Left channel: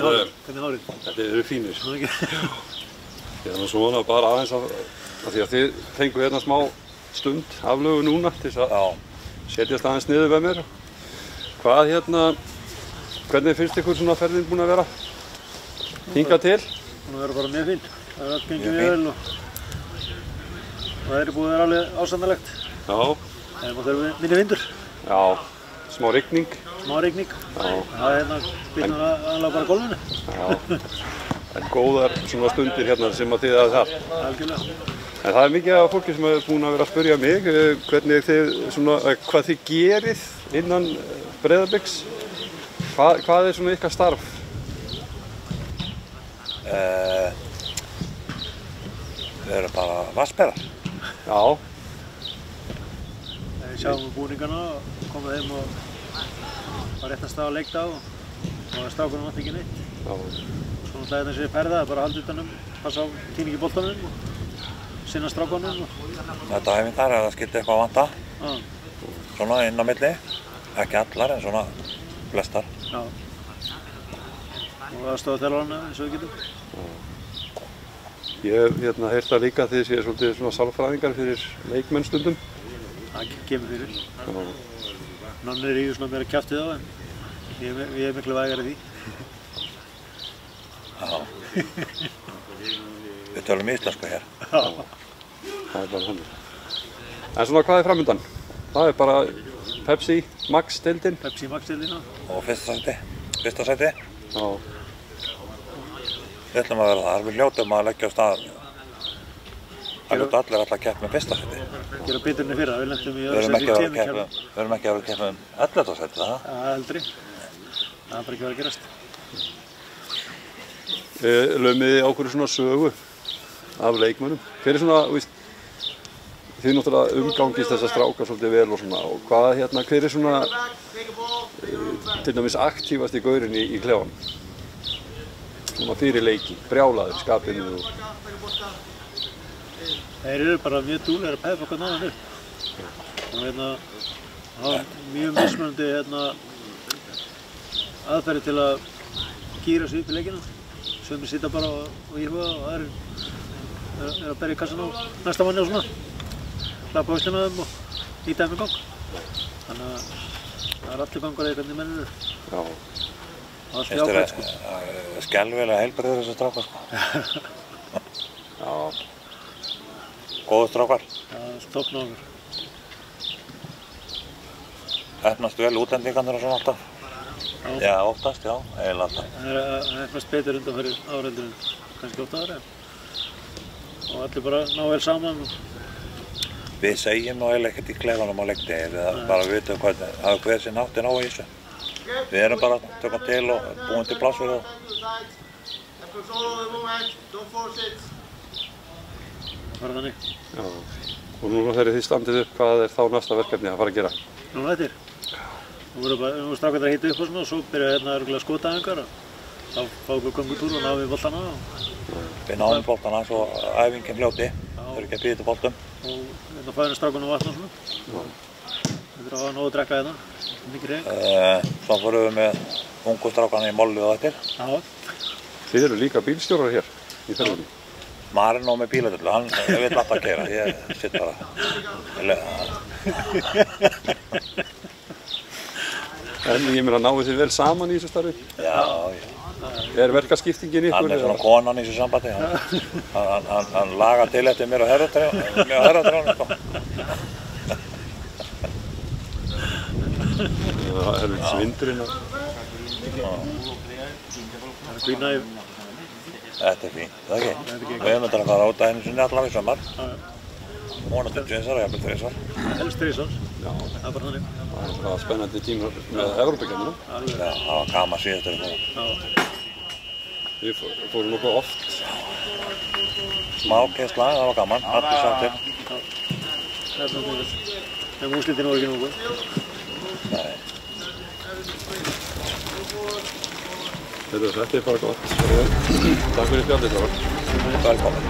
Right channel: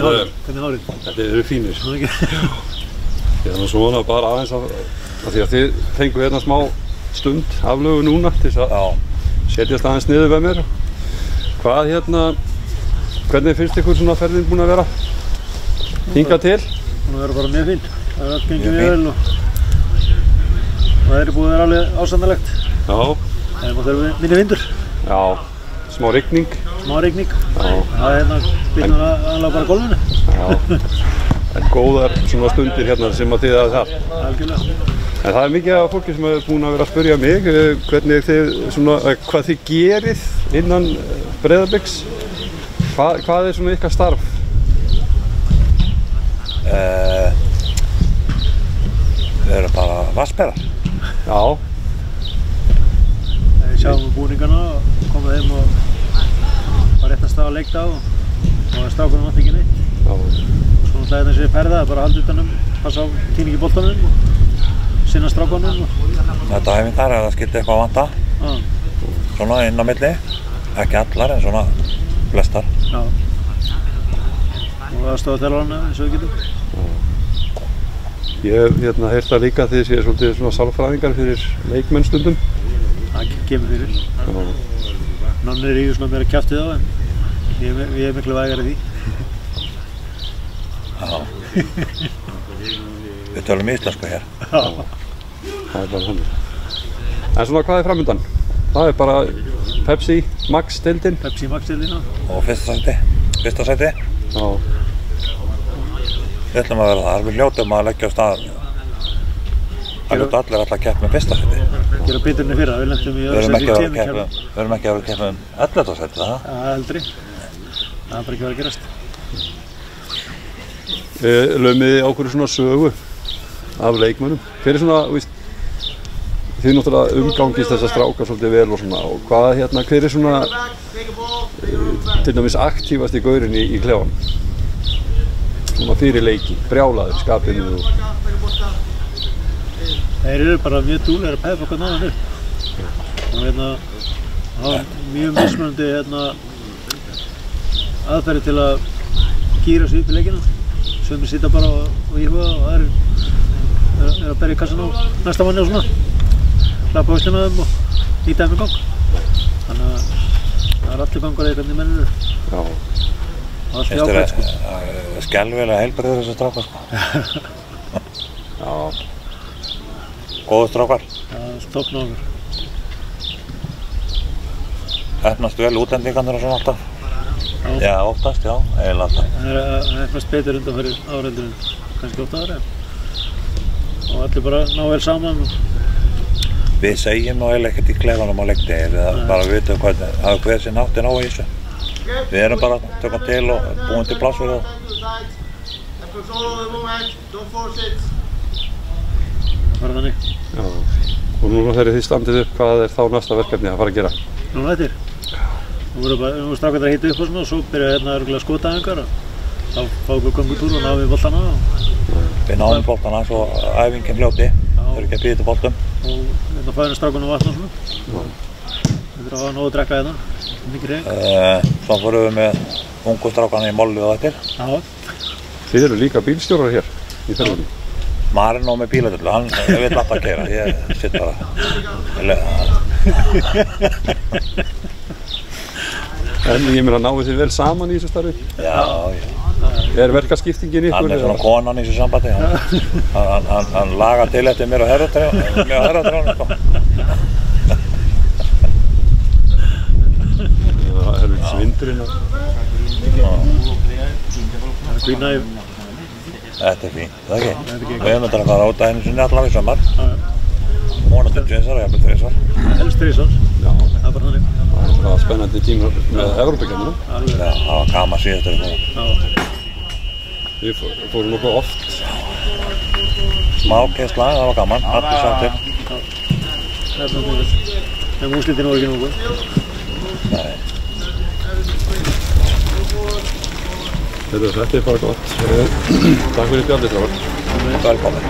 Hvernig hárið? Þetta eru fínir. Ég er svona bara aðeins af því að þið fengu hérna smá stund aflögu núna til þess að setjast aðeins niður með mér. Hvað hvernig finnst ykkur svona ferðin búin að vera hingað til? Búin að vera bara mjög fín. Það er allt gengið vel og það er búið að vera alveg ásættanlegt. Já. Það er mátt minni vindur. Já, smá rigning. Smá rigning. Já. Það er bitnar aðalega bara gólfinu. Já. En góðar svona stundir hérna sem að þið hafið þar. Algjörlega. En það er mikið af fólki sem er búin að vera að spyrja mig hvernig þið hvað þið gerið innan Breiðabliks. Hvað er svona ykkar starf? Við erum bara vatnsberar. Já. Við sjáum búningana og komum heim og var rétt að staða leikdag og strákunum vanti ekki neitt. Já. Svo náttúrulega þetta sé ferða, bara halda utanum, passa á tíningi boltanum og sinna strákunum. Þetta æfingar ef það skildi eitthvað að vanta. Svona inn á milli. Ekki allar en svona flestar. Já. Og aðstoða þjálfarana eins og við getum. Ég hef heyrt það líka að þið séu svolítið svona sálfræðingar fyrir leikmenn stundum. Það kemur fyrir. Nonni ríður svona meira kjaftið á en ég er miklu vægari því. Já. Við tölum íslensku hér. Já. Það er bara þannig. En svona hvað er framundan? Það er bara Pepsi Max-deildin. Pepsi Max-deildina. Og fyrsta sæti. Já. Við ætlum að vera þar. Við hljótum að leggja á stað. Það hljótu allir alltaf að keppa með fyrsta sæti. Gera betur enn í fyrra. Við lentum í Við erum ekki að vera að keppa 11. sæti, það? Aldrei. Það er bara ekki verið að gerast. Laumið þið á hverju svona sögu af leikmönnum. Hver er svona, þið náttúrulega umgangist þessa stráka svolítið vel og svona og hver er svona til dæmis aktífasti gaurinn í klefanum? Svona fyrir leiki, brjálaður, skapinu og... Þeir eru bara mjög dúlegir að peppa okkur náðan upp. Og hafa mjög mismunandi aðferði til að gíra sig upp í leikina. Sumir sitja bara og íhuga og aðrir er að berja í kassan á næsta manni og svona. Klappa á hauslinn á þeim og ýta þeim í gang. Þannig að það er allir gangur eða hvernig menn eru. Já. Allt í ákveð, sko. Skelfilega heilbrigðir þessar strákar, sko. Já. Góður strákar. Það er toppn á okkur. Heppnast vel útlendingarnir og svona alltaf. Já, oftast, já, eiginlega alltaf. Það er heppnast betur undan fyrir áreldur en kannski 8 ára. Og allir bara ná vel saman. Við segjum nú eiginlega ekkert í klefanum á leikdegi, við bara vitum hvað hver sinn háttin á í þessu. Við erum bara að tökka til og búin til pláss fyrir það. Það var þannig. Já. Og núna þegar þið standið upp, hvað er þá næsta verkefni að fara að gera? Núna eftir. Nú voru strákarnir að hita upp og svona og svo byrja örugglega skotæfingar og þá fáum við göngutúr og náum við boltana og... Við náum boltana svo æfingin hljóti, þau eru ekki að býta boltum. Og fæðum strákunum vatn og svona. Við þurfum að hafa nóg að drekka hérna, mikið reyk. Svo fórum við með ungu strákana í mollu og eftir. Já. Þið eru líka bílstjórar hér í ferðinni. Maður er nóg með bíladöllu, hann vill alltaf að keyra, ég sitt bara. En ég meina, náðu þið vel saman í þessu starfi? Já. Er verkaskiptingin ykkur? Hann er svona konan í þessu sambandi, hann lagar til eftir mér og herratrjánum, sko. Það er svindurinn og... Það er fín æf. Þetta er fínt, það ekki? Við höfum þetta að fara út að einu sinni allavega í sommar. Vonandi 2 og jafnvel 3 svar. Helst 3 svars. Já. Það er bara þannig. Það er svona spennandi tíma með Evrópukeppnina. Já, það var gaman síðast þegar við fórum. Við fórum nokkuð oft. Smá keyrsla, það var gaman, allir sáttir. Það er svona góðið. En úrslitin voru ekki nokkuð. Nei. Þetta er bara gott. Takk fyrir spjallið, strákar. Velkomin.